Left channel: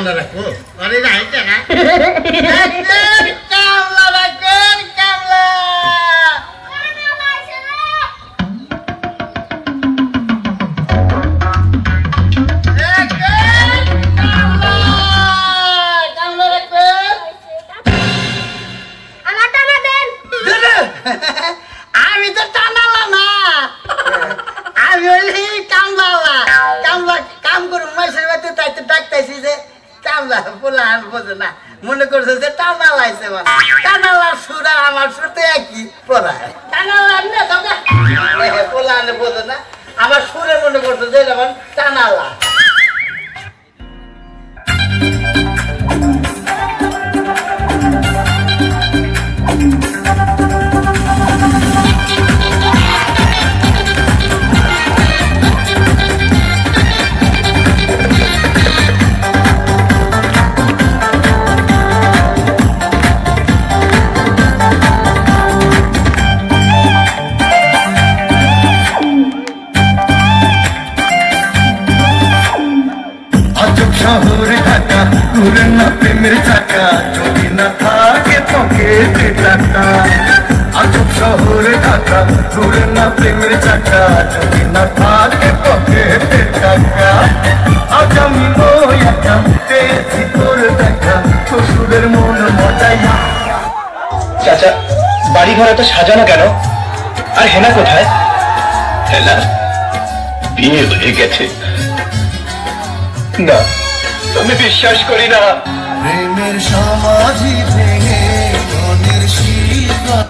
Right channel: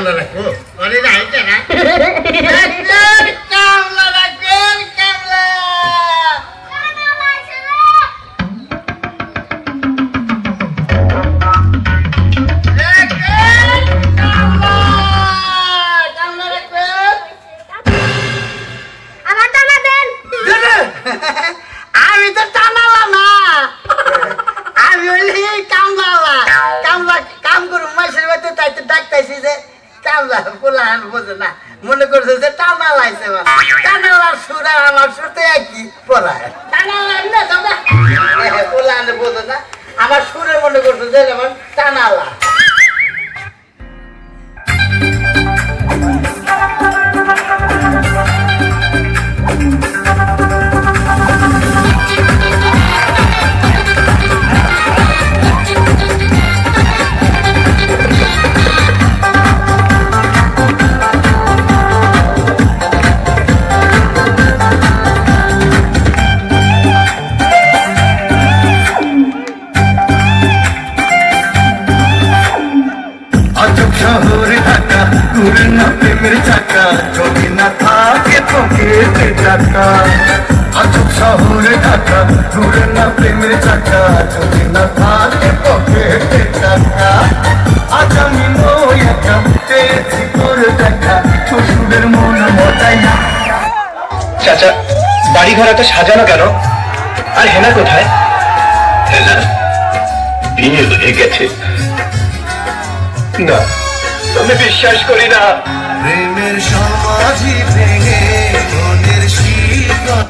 কামলা রাখো অরে রাইতে না কামলা রাখো কামলা আমি তো টানালা না আমি ওই কামলা কামলা কাম করু মাসের বাড়িতে তাইতে ডাকতাইছি যে কামলা পোলা বোঝে না মনে করছে যে টানালা আইছে টানালার সুর আর আমার সুর তো একই পোলা টানালা না দাদা পোলা বোঝে না আমার সুরে মনে করছে যে যেমন টানালা শহরে ঢাকা দূরে না প্রেমের চাকা যদি না থাকে পকেটে টাকা আজব শহরে ঢাকা দূরে না প্রেমের চাকা যদি না থাকে পকেটে টাকা আজ আমি ওই একা পেয়েছি তোর দেখা শ্বশুরের মন মজাই না। চাচা বাড়ি ঘর একটা সাজানো কেন? আর হেনা কোথায়? হেনা বিয়ে হয়ে গেছে। না আমি বিশ্বাস করি না। প্রেমের সমাধি ভেঙে মনের শিকড়